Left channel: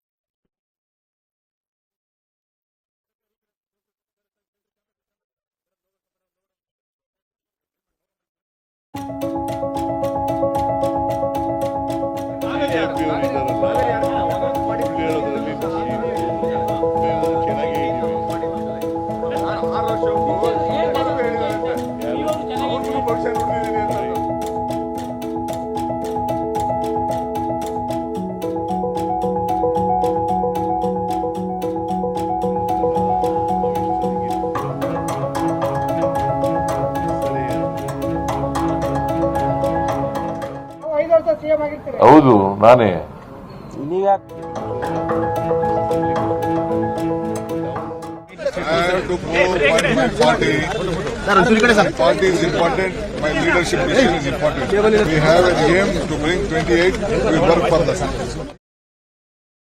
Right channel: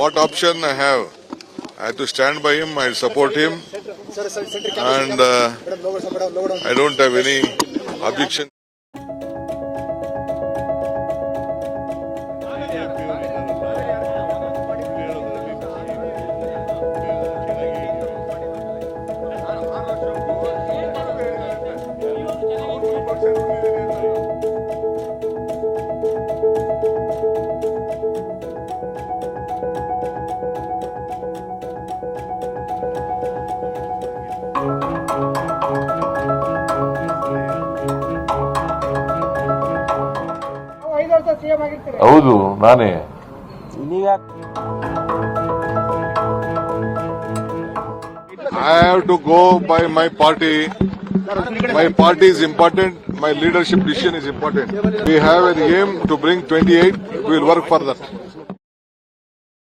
what option I have? I have to stand by him. I support him, and I don't have any objection. ಬಿಜೆಪಿಯವರು ಇದ್ದಾರಲ್ಲ ಸುಳ್ಳು ಹೇಳೋದ್ರಲ್ಲಿ ನಾವು ಚೆನ್ನಾಗೇ ಇದ್ದೀವಿ. ಹೌದು ನಾನೇ. I have to go by my party. My party is important. My leadership mission is important. We have an aim to bring 28. We will work for that.